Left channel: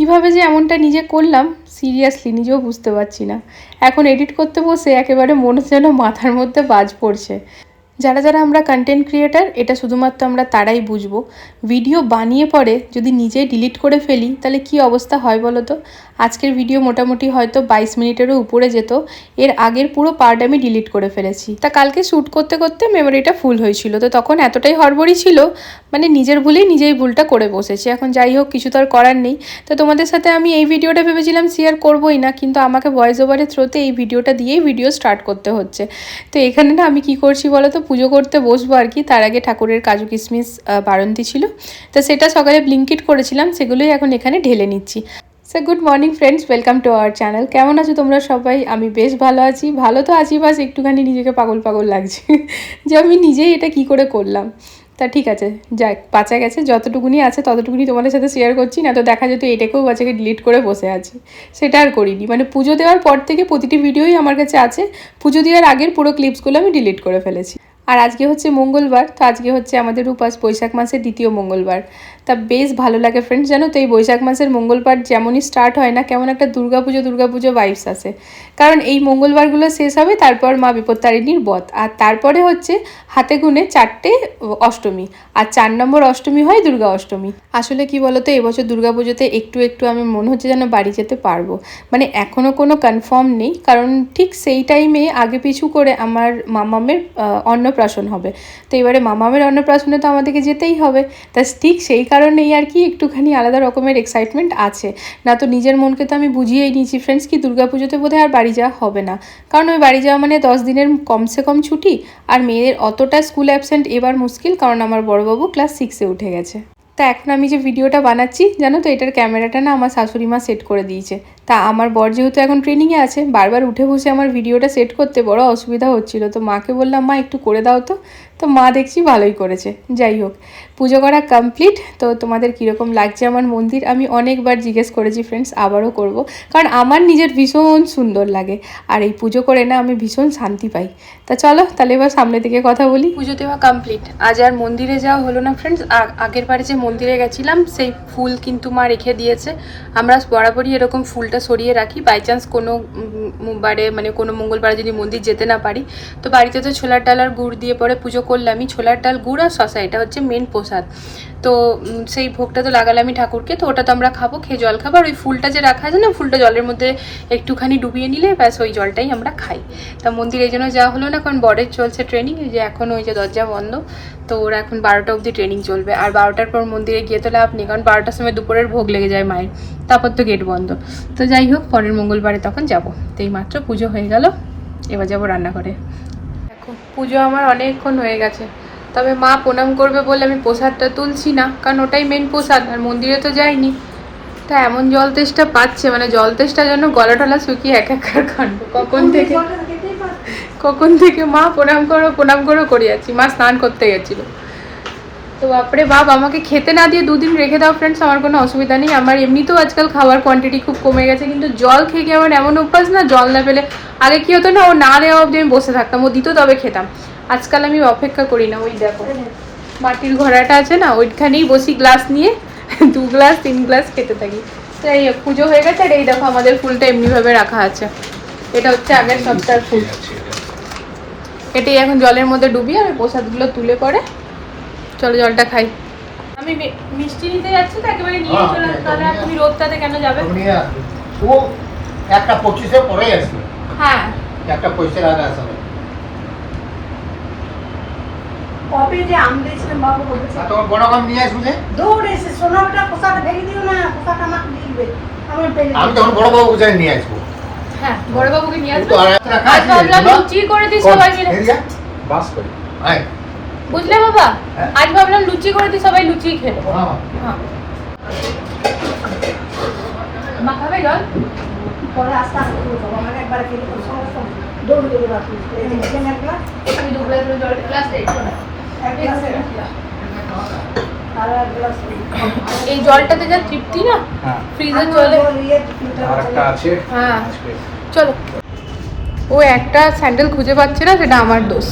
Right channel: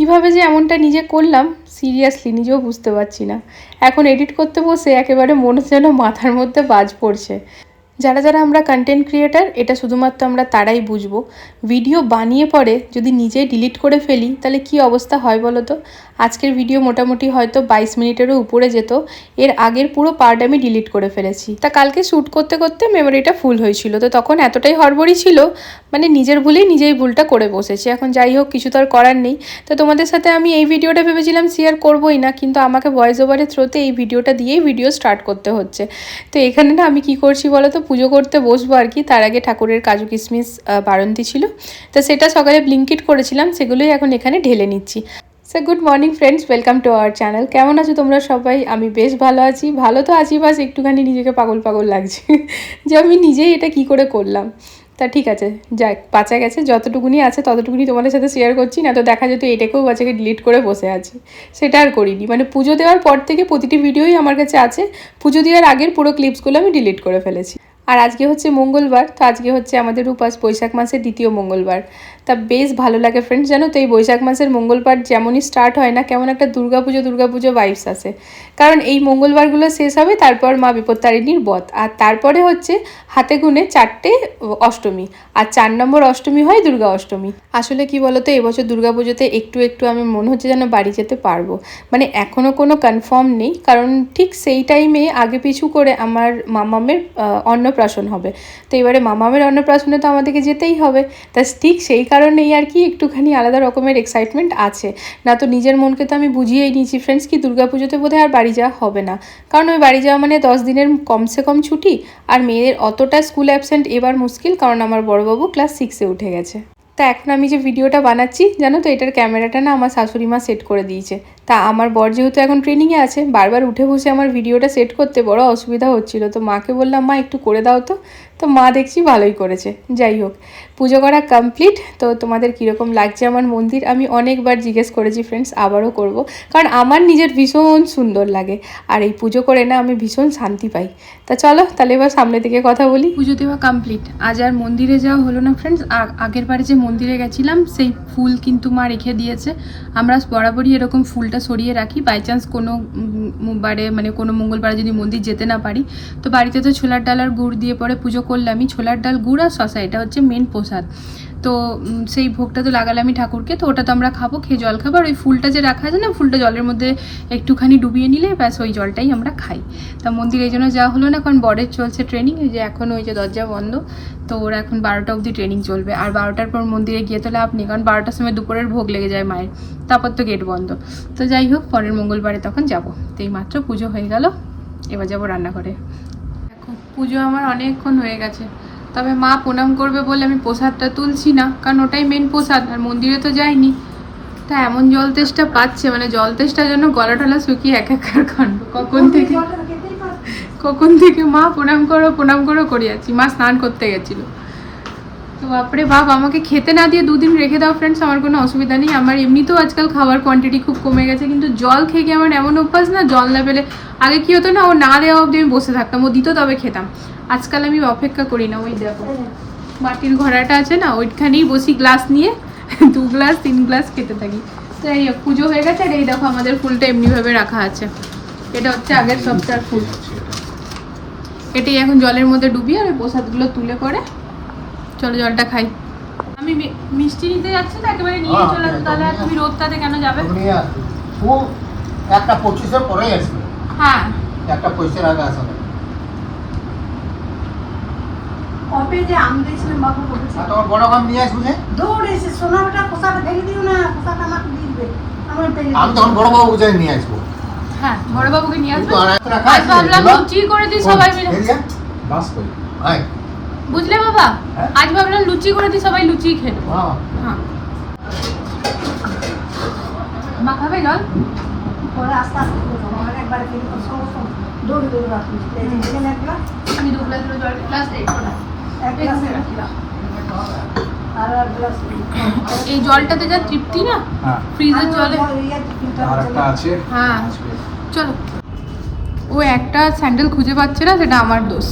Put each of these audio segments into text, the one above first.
কীভাবে যে এমনটা নিজে করলাম সিরিয়াসলি নিজেও বুঝতে পারছি না। এখন এডিট করতে বসে একেবারে মনে যেন মাথার মধ্যে বাজ পড়ছে। যারা যারা আমরা কন্টেন্ট ক্রিয়েটার এটা শুধুমাত্র আমরা তারাই বুঝব। ভিডিও বানিয়ে পরে যদি নিজে ডিলিট করে ফেলি, তাহলে কি অবস্থা হয় বলো তো? আজকের ভিডিও মোটামুটি হয়তো বাইশ মিনিটেরও উপরে যেত। এর আগের পুরো পার্ট আমি ডিলিট করে ফেলেছি। তা কালকে শ্যুট করতে করতে মেমোরিটা ফুল হয়েছিল। তো তখন এতটাই হড়বড়ি ছিল মানে নিজের ভুলেই নিজেই ভুলটা করে বসেছি। এখন যাই হোক, কিছু তো আর করার নেই। তো তোমাদের সাথে আমি এই ভিডিওটা ভেবেছিলাম শেয়ার করবোই না, কিন্তু আমাকে ভয়েস ওভারের থ্রোতে এই ভিডিওটা দিয়েই ভিডিও স্টার্ট করতে হচ্ছে। তো এখানে না আমি কি করছি বলো তো পুজো করতে বসবো আর কি। তার আগে ঠাকুরের কাজু কিশমিশ বারন্তি ছিল। তো সেটা সকালে ব্লিঙ্কিট করেছিলাম, সেগুলোই এখন এখানে ঢেলে নিচ্ছি। So good morning friends welcome to our channel কেমন আছো তোমরা সবাই? আমি বেশ ভালো আছি। ভালো তো আছি, বাস একটুখানি নিজেকে পাগল পাগল লাগছে যে আমি নিজেই এটা কি করে করলাম। তা ঠিক আছে, যাক, বাঁচা গেছে। যতটুকুনি আছে, ততটুকুনি তোমাদের সাথে শেয়ার করছি। না তো দেখা যেত এটাকেও বাচ্চাকে ডিলিট করে বসে আছে। সেটা আর করিনি। মানে পুজো দেওয়ার পর থেকে প্রতিটি ভিডিওই আমার কাছে আছে। পুজো দেওয়ার আগের পুরো ক্লিপসগুলো আমি ডিলিট করে ফেলেছি। আর আজকে হচ্ছে মঙ্গলবার তো আজকে হচ্ছে আমাদের উপাস বৈশাখ মাসের দ্বিতীয় মঙ্গলবার। তা বেশ ভালো লাগে ফ্রেন্ডস জানো তো এই বৈশাখ মাসের মঙ্গলবার যেমনই স্টার্ট হয় না কেমন একটা দুর্গাপুজো দুর্গাপুজো ভাইবস আসে। কারণ এই মঙ্গলবারগুলো শেষ হবে তারপর মা বিপত্তারিণীর বধ। আর তারপরে হচ্ছে হাতে গুনে চারটে অষ্টমী আর চার নম্বর অষ্টমী হয় দুর্গা অষ্টমী। আসলে কি বলতো এবছর দুর্গাপুজোতে একটু একটু আমি মনে হচ্ছে যেন বাড়ি যেতে পারব। মানে এখনও কোনো কনফার্ম নেই কারণ ঠিক সেই টাইমে আগে পিছু করে আমার মামামের আহ, অন্নপ্রাশন হবে। তো এবারে মামামের অন্নপ্রাশনে তো আমাদেরকে যেতেই হবে। তা ঠিক সেই কারণেই আর কি একটুখানি আলাদা রকমের এক্সাইটমেন্ট আছে। না তো নিজের মনকে তো আমি বুঝিয়েই নিয়েছি ফ্রেন্ডস কি দুর্গাপুজোতে বোধহয় আর বাড়ি যাওয়া হবে না। কারণ ওই বাড়ি যাওয়া মানে দশ দিনের কমসে কম ছুটি। আর মেয়েদের অতটা স্কুল অ্যাবসেন্ট এবার মুশকিল, কারণ আমার বড়বাবু ক্লাস সিক্সে উঠে গেছে। তা এখন আমি যে ভিডিওটা বানাচ্ছি, জানো তো এটার ক্যামেরাটা না আমার শাশুড়ি মা সেট করে দিয়েছে। তা আমার বর যেহেতু এখন ট্রেনিংয়ে আছে, বারবার উঠে বসে আমার ভিডিওটা সেট করতে বড় অসুবিধা হচ্ছিল। তো মাকে বললাম, মা, একটু করে দাও তো। তো মা দেখছি ভালোই করেছে, যাই হোক। পুজো করা কমপ্লিট তো তোমাদের কীরকম লাগছে আমার মন্দির? আমি অনেকবার জিজ্ঞেস করেছি ফ্রেন্ডস আবারও করব। কারণ আমার নিজের ভীষণ সুন্দর লাগে। আর এই পুজো করে না আমি ভীষণ শান্তি পাই। তা চলো, তাহলে এবার সামনে থেকে কথা বলি। পুজো দেওয়া কমপ্লিট আজ আর মন্দিরে যাওয়া হলো না ফ্রেন্ডস আগের বারে যে মন্দিরে গেছিলাম, সেই ফুল কিন্তু মা রেখে দিয়েছে। আমরা বরাবরই এরকম ফুলটা সরিয়ে রাখি। বাই চান্স কোনো বারে মানে কোনো মঙ্গলবারে যদি মন্দির যেতে না পারি, তো বাড়িতে তো ছোলার ডাল আর গুড় দিয়ে পরে পুজো করলামই ছোলার ডাল গুড় আর শশা এটা হচ্ছে মেন প্রসাদ। তো সেই ভোগটা তো লাগালামই ঠাকুরকে, তো ওটা তো আমরা খাব, খেয়ে জল খাব, আর ওই ফুলটা যে রাখা আছে না, ফুলটা জলের মধ্যে একটুখানি ডুবিয়ে নিলে ব্যাস ওই জলটাই আমরা খাই। তা মন্দির এই জন্য যাওয়া হলো না, কারণ বরের চলছে ট্রেনিং যে এখন ওই যে দরজা বন্ধ, তো ওর এখন বারোটা অবধি ট্রেনিং চলবে। আর বারোটার পর মন্দিরে গিয়ে তো লাভ নেই, কারণ বারোটার সময় দুপুরের ভোগ লেগে যায় মায়ের, তারপর তো গেট বন্ধ। তো যাই হোক, পরের মঙ্গলবারে তখন যাব। তো এই মাত্র পুজো হয়ে গেল, এবার যাব রান্নাঘরে। দেখো, পুজো আমার অনেকক্ষণ হয়ে গেছে। তবে মা প্রণাম করবে বলে আমি প্রসাদটা তুলছি না, কারণ ওটাই মেন প্রসাদ, আর মন্দিরে তো যাইনি। তা এমন জল তেষ্টা পাচ্ছে মানে জল তেষ্টা যেন গলা টলা শুকিয়ে এক কাণ্ড। কখন থেকে কখন থেকে মা প্রণাম করো প্রণাম করো করিয়াছি মা স্নান করতে গেছিল। তো বাপরে বাপ, আমাকে খেতে না দিয়ে দুদিন রেখে দাও ফ্রেন্ডস আমার কোনো অসুবিধা নেই। আমার এমনিতেও আজকাল খাওয়ার কোয়ান্টিটি খুব কমে গেছে, কিন্তু জল খেয়ে আমার এমন অভ্যাস না, জল না পেলে আগে কি হতো না, ও না দেওয়া অবধি আমি বসে থাকতাম, ও দিত তবে খেতাম। আজকাল আমি অপেক্ষা করি না, ওই দেখো। মাটির ঘোড়াটা আছে না, ওইখানেই বসি গ্লাস নিয়ে, দু গ্লাস তিন গ্লাস খেতে থাকি। তো এই পুজো হয়ে গেছে, আর এই দেখো আমাদের ফুলটা এমনিভাবে রাখা আছে। এটা হচ্ছে আগের সপ্তাহের ফুল। এটাই এখন জলের মধ্যে ডুবিয়ে আর প্রসাদগুলো তুলে পরে চলো জলটা খাই। আমি মিষ্টি নিতে যাচ্ছি তো একেবারে নিয়ে হ্যাঁ, চলে তাহলে আর তুমি রোদটাতে কেন যাবে? ও একটা পঁচিশে পরেই আসবে হ্যাঁ। একটা পঁচিশের আগে আসবে কবে যে আম দিয়েছিলাম বাবু বলেছে তোমার বড় কাম নিয়ে আসবে দৌড় এসে সোনাটা পোশাকটা ঢেকে দিও না পোশাকটা আমাকে দিবে। আমার পেলে আমি তখন বড় বাবু নিয়ে আসব। হ্যাঁ বড়বাবুকে নিয়ে আসব। আজ ভাবলাম। লুচি করে দিই সবাই মিলে। আয়। বুঝলে বাবা? হ্যাঁ। আজ ভাবলাম লুচি করে দিই সবাই লুচি খেয়ে নেব। হ্যাঁ। মা খাবে জল? পরে আস্তে আস্তে একবার খেলে দৌড় দৌড় রাখি দিলেন এক গ্লাস। আমি দু গ্লাস জল গ্লাস দেই এক গ্লাসে রাখলাম। আর এক গ্লাস এই জলটাতে যা তৃপ্তি না? ফ্রিজের জলে হ্যাঁ। চলো। ও একটা স্যান্ডেল খুঁজে পাচ্ছে না সেটা আমার দোষ।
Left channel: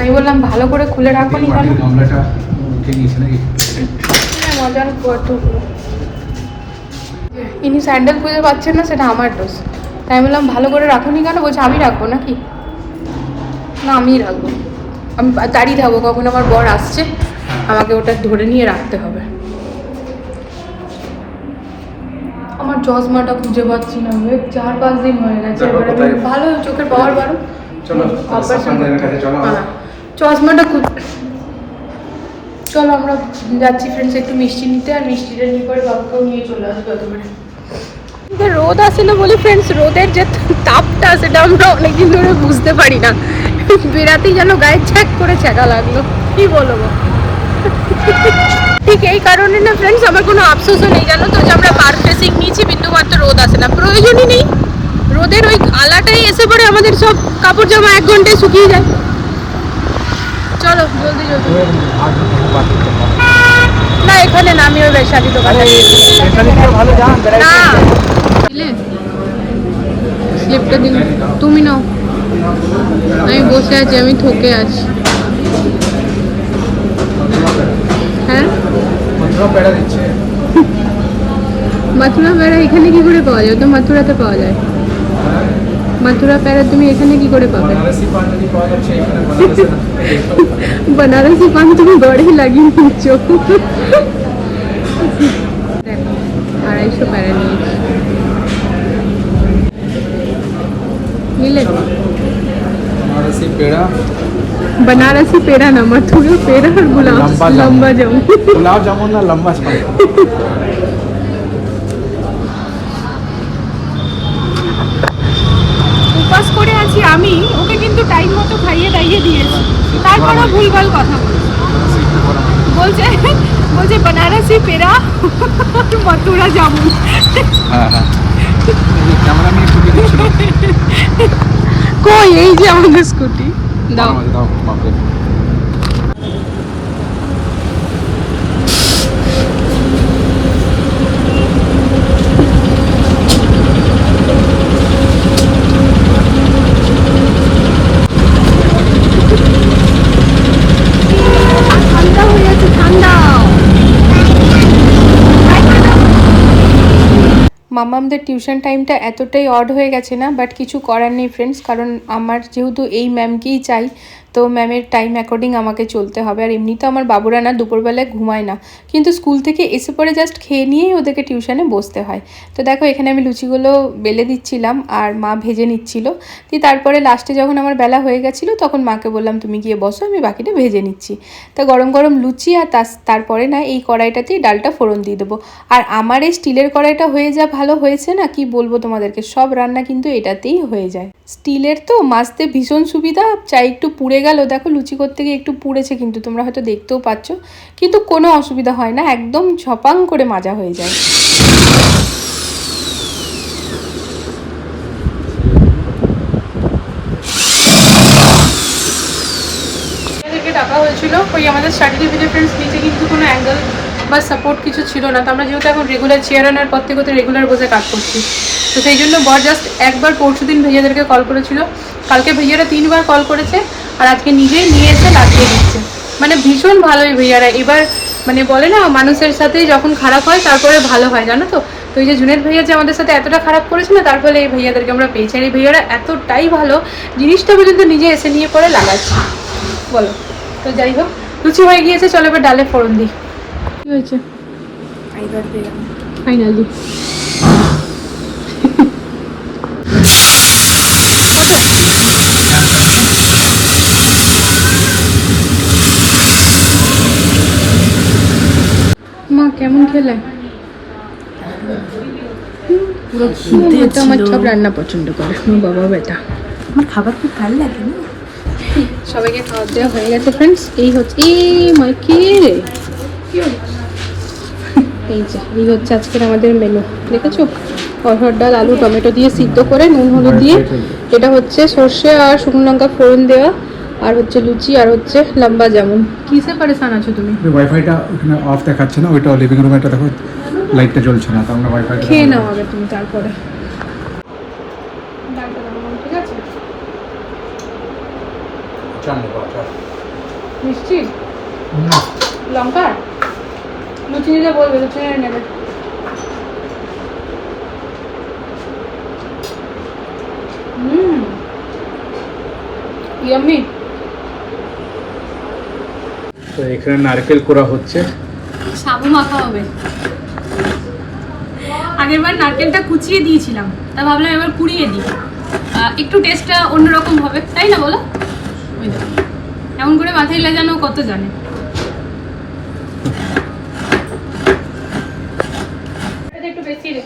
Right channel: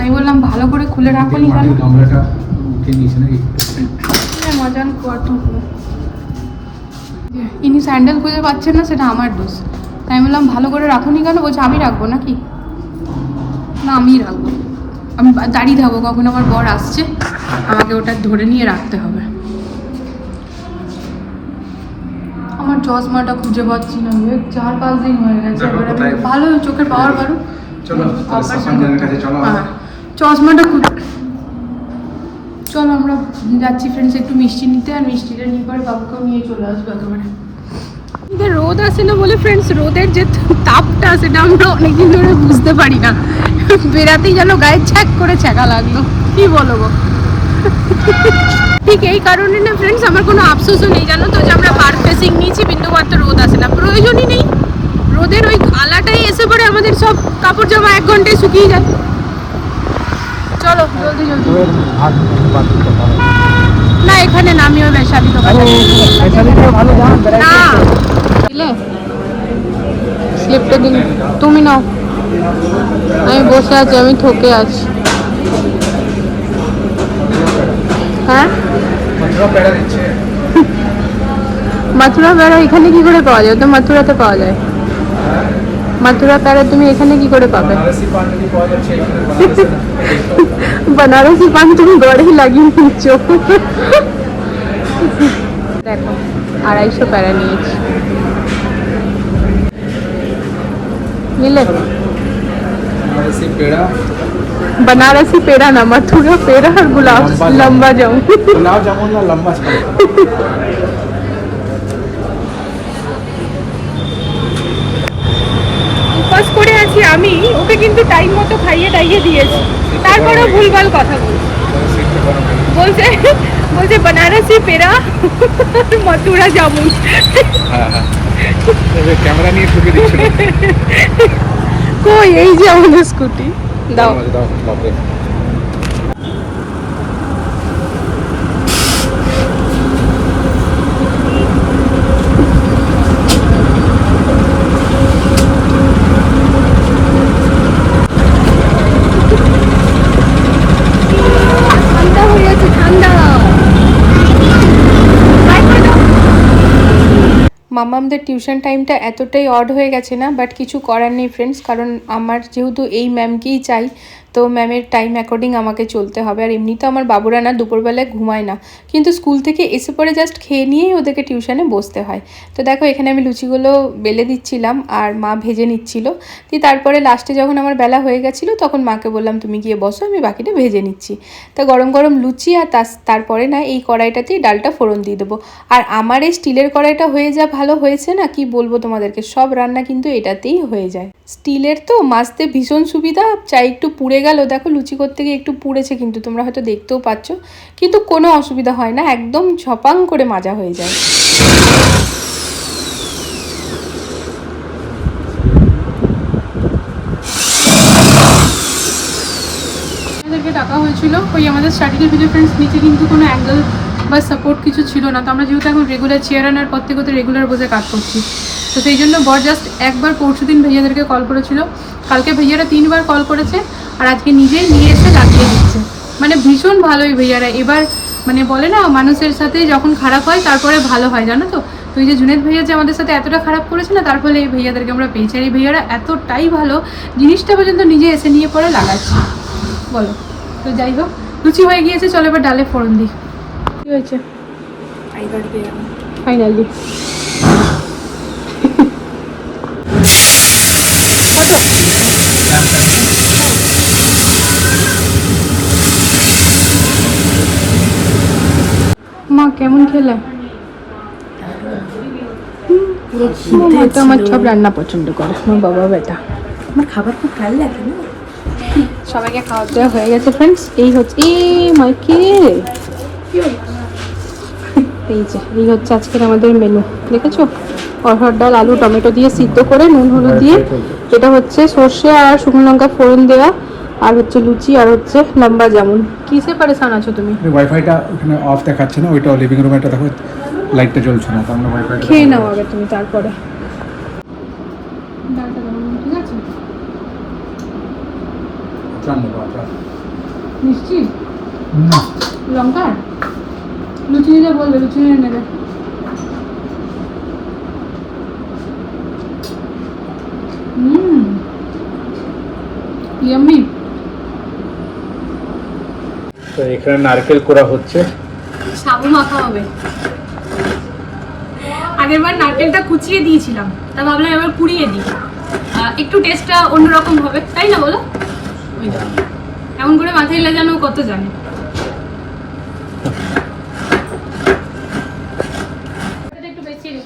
আমি বললাম ভালো করে খুলে রাখো নি কেন? নাকি? মজার পুরো ইনি স্যান্ডেল খুঁজে পাচ্ছেন না সেটা আমার দোষ। তাই আমি বললাম ভালো করে রাখুনি কেন? বলছে আমি রাখব নাকি? না আমিই রাখব আমি দাঁড়িয়ে থাকব কখন আমার বর আসছে আমাকে ওটা ধরে নিয়ে রাখতে হবে। আমার চশমাটা খুঁজে পাচ্ছি না ওই চার পাঁচ দিন হয়ে গেছে আমি? ভালো চোখের পাওয়ার বারো চলো, অপারেশন চলো। হ্যাঁ। চশমাটা খুব চলো আমরা যাচ্ছি ফ্রেন্ডস একটু মিষ্টি নিতে আর মিষ্টিটা নিয়ে পরে বাবাকেও নিয়ে চলে আসব একেবারে। রোদ আসে না বলে ফ্রেন্ডস রোদের যে তাপটা সেটা আমরা অনেকদিন ধরে বুঝতে পারি না। বেরাতেই যেন গায়ে ছ্যাক করে ছ্যাঁকা লাগল। কি বলব? ঠিক এই কারণে না ফ্রেন্ডস আমার কোনো আফসোসও নেই জানো তো যে আমরা পার ফেসিং নিয়েছি বিন্দুমাত্র রোদ আসে না। প্রয়োজনই নেই। রোদের ওই আলাটাই এসে পড়ে আমাদের সব কাপড় জামা এক ঘন্টায় শুকিয়ে যায়। চলো জলদি জলদি। না এখানে না আমি ওই বৈশালী দোকানটা না। দিলে? স্লিপটা দিন তুমি নাও। আমি বসে আছি আমি থকে আছি। হ্যাঁ? মথুরা প্যারা এখানে কি করে পাওয়া যায়? ওটা মাথুরাতে পাওয়া যায়। মাথুরা প্যারা তুমি এখানে কি করে পাবে? বানারসি পাঞ্জাবি পাওয়া যাচ্ছে এখানে বানারসি बनारसी पान তুমি গড়েই লাগিয়ে নিচ্ছ দেখো আড়াইশো প্যারা নিয়েছি নিলে বানারসি পেড়া बनारसी पेड़ा ना मथुरा पेड़ा और गुलाब लंबा लंबा जामुन। जामुन गुलाब जामुन ना लंबा টাইম মতো খাইয়ে টাইয়ে দিয়েছি। তারপরেও ভুলভাল কথা বলছে। বলছে বলছে পেরা মথুরা জামুন। কই এই যে আমাদের স্কুটি। দাও দাও বাপরে। মামামদের টিউশন টাইমটা এতটাই অড হয়ে গেছে না বাট কিছু করার নেই ফ্রেন্ডস কারণ আমার যেহেতু এই ম্যামকেই চাই তো ম্যামের টাইম অ্যাকর্ডিং আমাকে চলতে হবে। আর এমনি তো আমার বাবুরা না দুপুরবেলায় ঘুমায় না। কিন্তু স্কুল থেকে এসে পরে জাস্ট খেয়ে নিয়েই ওদেরকে টিউশনে বসতে হয়। তো দেখো, এখানে আমি লুচিগুলো বেলে দিচ্ছিলাম আর মা ভেজে নিচ্ছিল। দিয়ে তারপরে লাস্টে যখন আমার বেলা হয়ে গেছিল, তখন মাকে বললাম, তুমি গিয়ে বসো, আমি বাকিটা ভেজে নিচ্ছি। তো গরম গরম লুচি আর তারপরে না এই কড়াইটাতেই ডালটা ফোড়ন দিয়ে দেবো। আর আমার এই স্টিলের কড়াইটা হয়ে যা ভালো হয়েছে না, কি বলব তোমাদেরকে? সব রান্না কিন্তু এটাতেই হয়ে যায়। স্টিলের তো মাজতে ভীষণ সুবিধা, চাই একটু পুড়ে গেল। দেখো লুচি করতে গিয়ে একটু পুড়েছে কিন্তু, তোমরা হয়তো দেখতেও পাচ্ছ। কিন্তু কোনো অসুবিধা হয় না, একদম ঝপাং করে মাজা হয়ে যায়। টাকা হয়েছিল। ওই আমাদের সার্টিফিকেট ফ্রেন্ডস নিচে কিন্তু কোনো অ্যাঙ্গেল বা সাপোর্ট কিছু ছিল না। তো আমরা যেহেতু এখন রেগুলার চেয়ার আনার পর থেকে রেগুলার বসে কাজ করছি। তো সেই জন্য বর জাস্ট একবার পরশু দিন ভাইয়াদেরকে কল করেছিল। কালকে ভাইয়ারা তিনবার কল করেছে আর আজকে নিজেই নিয়ে এসে লাগিয়ে দিচ্ছে। মানে ভীষণ ভালো এই ভাইয়ারা। এবার মানে বলে না মানুষের সাথে যখন খারাপ হয় তারপরে ভালো হয় জানো তো? তো এই যে জুনেদ ভাইয়া যে আমাদের সাথে এতটা খারাপ করেছে না তার ফলে এই ভাইয়াদেরকে আমরা পেয়েছি। আর এই ভাইয়ারা এতটাই ভালো জিনিসটা পর্যন্ত নিজে এসে নিয়ে পরে লাগাচ্ছে। বলো। তো যাই হোক লুচি হয়ে গিয়েছে চলো এবার ডালে ফোড়ন দিই। কি হয়েছে? ফাইনালি মা কেমন খেলে? পুরো খিদে আমার সব রান্না পছন্দ করে। আমার বাবা বেটা। আমার খাবার খুব ভালো লাগে না। সবাইকে খাওয়া দাওয়া হয়ে গেছে ফ্রেন্ডস এই হচ্ছে এ মাই কে এই যে এই হচ্ছে আজকের আমাদের মেনু দেখেছ? অরহর ডাল আলু টমেটো দিয়ে সিদ্ধ করে নুন হলুদ দিয়ে এটা হচ্ছে সর্ষে আর শুকনো লঙ্কা ফোড়ন দেওয়া আর হচ্ছে লুচি আর হচ্ছে লম্বা জামুন। কিসে পারেশান আছো তুমি? ওয়াইফাইটা ওখানে অফ দেখাচ্ছে না ওইটা লিভিং রুমে একটা দেখো লাইটটা জ্বলছে না তার মানে ওয়াইফাইটা খেয়ে নাও আগে তুমি তারপরে। ঠিক আছে মিষ্টি? লঙ্কা? লুচি নিলে বলবে লুচি নিয়ে নেবে ইয়ামি তো এখানে নারকেল কোরা হচ্ছে। সাবু মাখা হবে। আগের বার নারকেলটা কুচিয়ে দিয়েছিলাম তা ভাবলাম এবার পুড়িয়ে দিই। একটু টেস্টটা অন্যরকম হবে তাই না বলো? এমন করে মাথায় লাগানো কত জানে।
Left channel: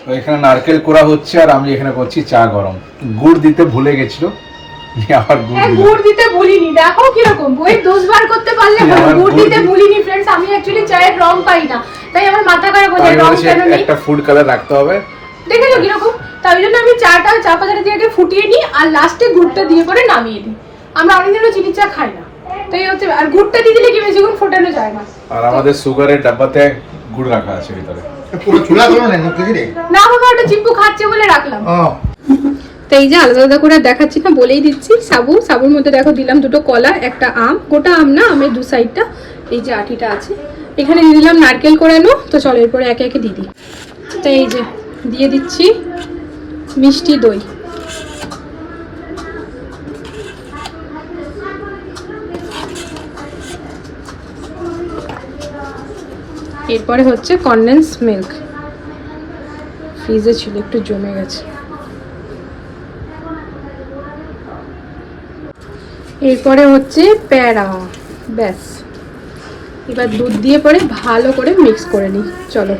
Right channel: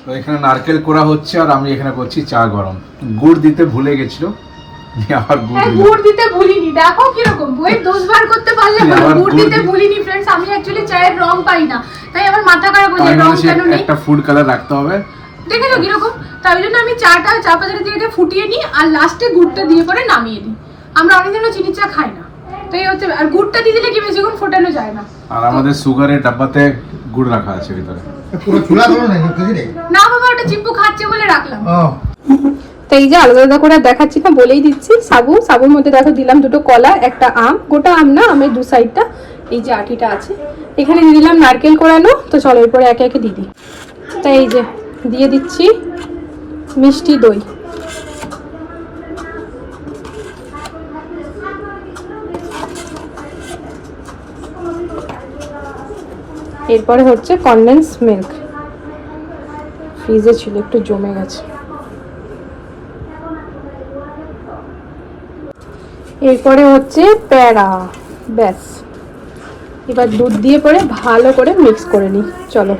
তো এখানে নারকেল কোড়া হচ্ছে আর আমি এখানে করছি চা গরম। গুড় দিতে ভুলে গেছিল। আবার গুড় দিলাম। গুড় দিতে ভুলিনি দেখো কীরকম বইয়ের দোষ বার করতে পারলে হলো। গুড় দিতে ভুলিনি ফ্রেন্ডস আমি অ্যাকচুয়ালি চায়ের রং পাই না। তাই আমার মাথা খারাপ হয়ে যায় রং কেন নেই? একটা ফুড কালার রাখতে হবে। দেখেছ কীরকম? তাই জন্য আমি চাটা চা পাতাটা দিয়ে আগে ফুটিয়ে নিই আর লাস্টে গুড়টা দিয়ে করে নামিয়ে দিই। আমরা অনেকদিনও চিনি চা খাই না। তাই হচ্ছে আর গুড়টা দিয়ে দিলে কি বেশিক্ষণ ফোটানো যায় না? আর আমাদের সুগারের ডাব্বাতে গুড় রাখা আছে ভিতরে। পুরো চুলা করো না না বাবা ওটা চিম্পু খাচ্ছে বলে রাখলাম। ও। তো এই যে আলাদা আলাদা করে আর দেখাচ্ছি না বলেই দিচ্ছি। সাবু সাবুর মধ্যে দেখো দিলাম দুটো কলা একটা আম গোটা আম না আমের দু সাইডটা এই যে আটিটা আছে। এখানে দিয়ে দিলাম নারকেল কোড়ানো তো চলো এরপরে একে একে দিয়ে দিই। তো এই যে দিয়ে দিচ্ছি মিষ্টি দই। এরপরে হচ্ছে কনডেন্স মিল্ক ফ্রিজে ছিল একটু জমে গেছে। এরপরে হচ্ছে প্যারা ব্যাস। এবার দুধ দিয়ে পরে ভালো করে মিক্স করে নিই চলো।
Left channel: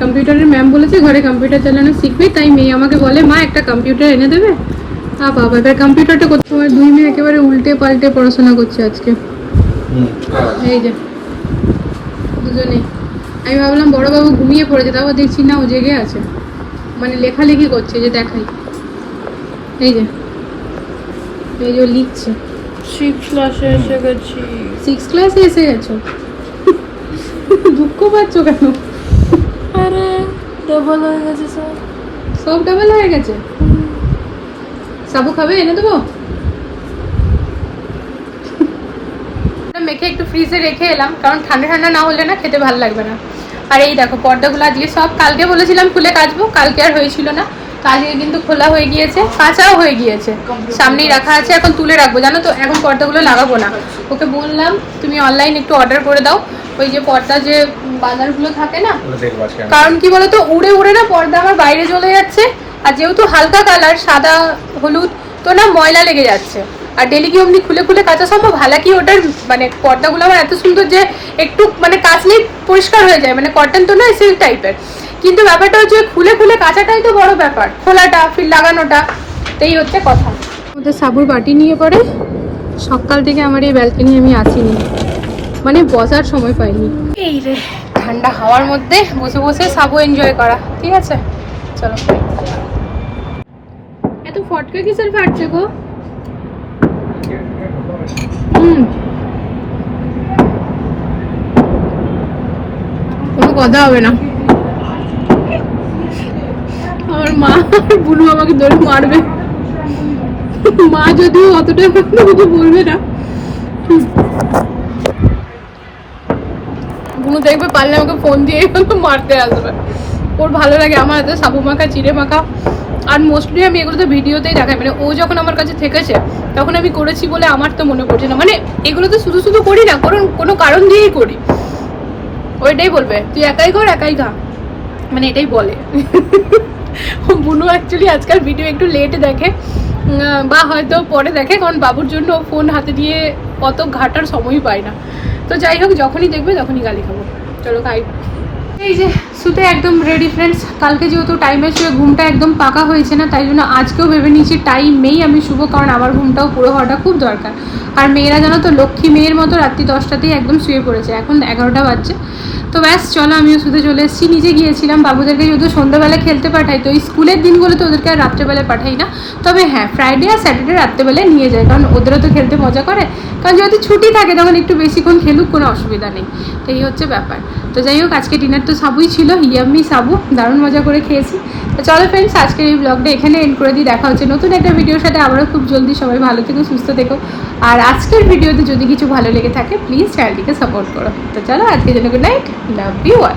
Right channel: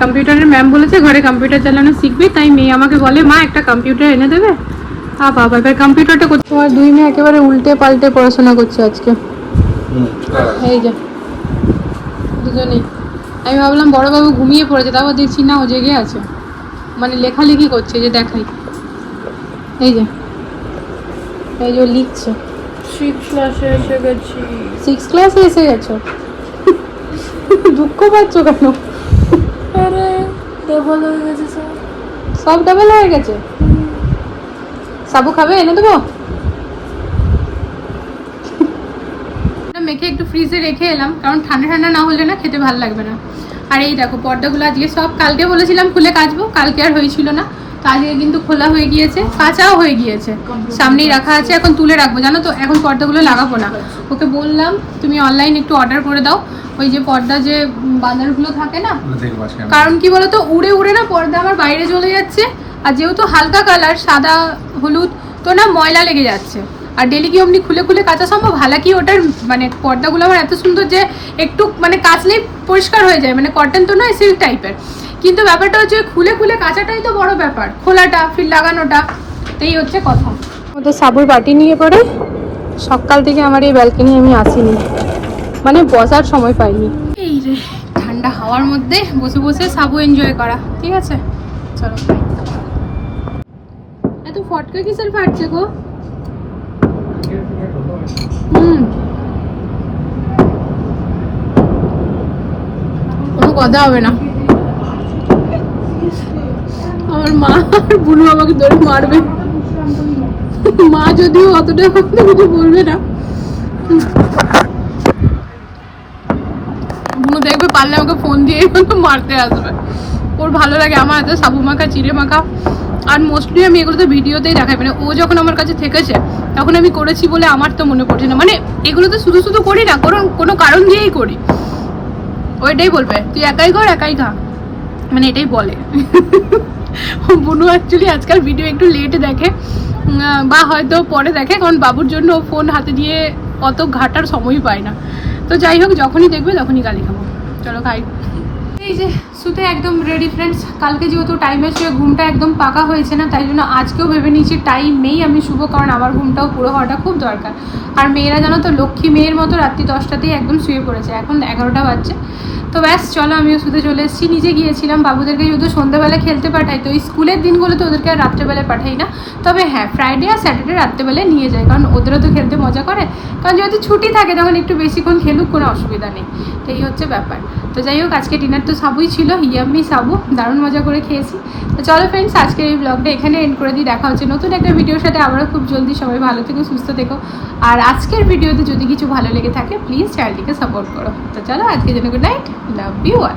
কম্পিউটারের ম্যাম বলেছে ঘরে কম্পিউটার চালানো শিখবি? তাই মেয়ে আমাকে বলে মা একটা কম্পিউটার এনে দেবে? আ বাবা এবার কম্পিউটারটা করতে তোমার দুই মেয়ে একেবারে উল্টে পাল্টে পড়াশোনা করছে আজকে। এই যে দুজনেই। আমি ভাবলাম বড় বাবু ঘুমিয়ে পড়েছে তারপর দেখছি না ও জেগে আছে। মানে লেখালেখি করছে যে দেখাই। এই যে এই যে ও লিখছে। সিক্স ক্লাসে এসে গেছি। সিক্স ক্লাসে এসে গেছো? দুঃখ পাচ্ছ কেন? আরে ডবল হয়ে গেছে স্যার সব ডাবল হয়ে গেছে? সাবু খাবে? এনে দেবো? মেখে একটু ফ্রিজে রেখে এলাম কারণ ঠান্ডা ঠান্ডা না হলে না খেতে ভালো লাগবে না। আর এই দেখো পর্দাগুলো দিয়ে সব কালকে বলেছিলাম খুলে কাচবো কালকে আর হয়েছিল না। আজকে কিন্তু খোলা হয়ে গিয়েছে কাঁচাও হয়ে গিয়েছে। সামনেই রাখা আছে এখন তুলে রাখব জানো তো এখন পর্দাগুলো লাগাবো না। ওকে বললাম তুমি অনলাইন একটু অর্ডার করে দাও। ওই যে পর্দা যে বাজারগুলো থাকে না আজকে। কারণ কি বলতো উড়ে উড়ে না পর্দা আমার বাইরে চলে যাচ্ছে। আর যেহেতু হালকা কালার, সাদা, হলুদ, তো না ময়লা লেগে যাচ্ছে। আর ডেলি কি অমনি খুলে খুলে কাচা সম্ভব? হালাকি ওটার মানে পর্দাগুলো আমার এত সুন্দর যে একটু মানে কাচলেই পরিষ্কার হয়ে যায় মানে কটন তো নয় সিল্ক টাইপের কিন্তু ব্যাপারটা হচ্ছে খুলে খুলে কাচাটাই তো বড় ব্যাপার, খোলাটা ফির লাগানোটা এই হচ্ছে কথা। তো সাবুর বাটি নিয়ে পরে সকাল থেকে আমার এই ব্যালকনি আমি আসিনি। মানে বসার সময় পাইনি। এই রে, ঠান্ডা হাওয়ার মধ্যে বসে বসে সাবু এনজয় করা, ঠিক আছে? চলো। ফটকা কিসের ফাটছে গো? কোনো কথা হবে না। আমার মা বুনু আমাকে ধরে মারবে। মা যদিও অতটা কিছু বলবে না। বুনু দেখবে পারলে আমাকে ফোন দিয়ে মারতে আসবে। ওর ভালো লাগে, আমার হাতে সাবু মাখা, চিড়ে মাখা। আর মোস্টলি আমি এগুলো তো ভিডিওতেই দেখাই। মানে ও যখন আমার কাছে থেকেছে, তখন আমি করেছি বলে আমার তো মনে পড়ছে না। মানে এগুলো তো শুধু শুধু করি না কোনো কোনো কারণ দিয়েই করি। ওইটাই বলবে, তুই একাই কর একাই খা মানে এটাই বলে। বুনু অ্যাকচুয়ালি আজকাল ভিডিও একটু লেট দেখে। বা হয়তো পরে দেখে, কারণ বাবুর জন্য ফোন হাতে দিয়ে অত ঘাটার সময় পায় না। তো যাই হোক, যখনই দেখবে তখনই গালি খাব। চলো খাই এই যে শুতে একদম রেডি ফ্রেন্ডস কালকে যেহেতু টাইমের শুয়ে ঘুমটা একদম পাকা হয়েছে না, তাই জন্য আজকেও ভেবে নিয়েছি টাইমেই আমি শুভ কারণ আমার ঘুমটাও পুরো হওয়াটা খুব দরকার। আর মেয়েরা জানো তো, লক্ষ্মী মেয়ের মতো রাত্রি দশটাতেই একদম শুয়ে পড়েছে। এখন এগারোটা বাজছে। তো ব্যাস, চলো আমিও শুধু চলে এসেছি। নিজে গিয়েছিলাম, বাবুদেরকে যদি সন্ধ্যাবেলা খেলতে পাঠাই, তো স্কুলের দিনগুলোতে ওদেরকে আর রাত্রেবেলা পাঠাই না। তবে হ্যাঁ ফ্রাইডে আর স্যাটারডে রাত্রেবেলায় নিয়ে যায় কারণ ওদেরও তো খেলতে মজা করে। কারণ যেহেতু ছুটি থাকে, তখন একটু বেশিক্ষণ খেলুক, কোনো অসুবিধা নেই। তো এই হচ্ছে ব্যাপার। তো যাই হোক, আজকে ডিনার তো সাবুই ছিল, ইয়াম্মি সাবু, দারুণ মজা করে খেয়েছি। তো চলো ফ্রেন্ডস আজকের এই ব্লগটা এখানে এন্ড করে দিই। দেখা হচ্ছে নতুন একটা ভিডিওর সাথে। আবারও খুব জলদি সবাই ভালো থেকো, সুস্থ থেকো। আর আজকের ভিডিওতে যদি কিছু ভালো লেগে থাকে প্লিজ চ্যানেলটিকে সাপোর্ট করো। তো চলো, আজকের জন্য good night love you all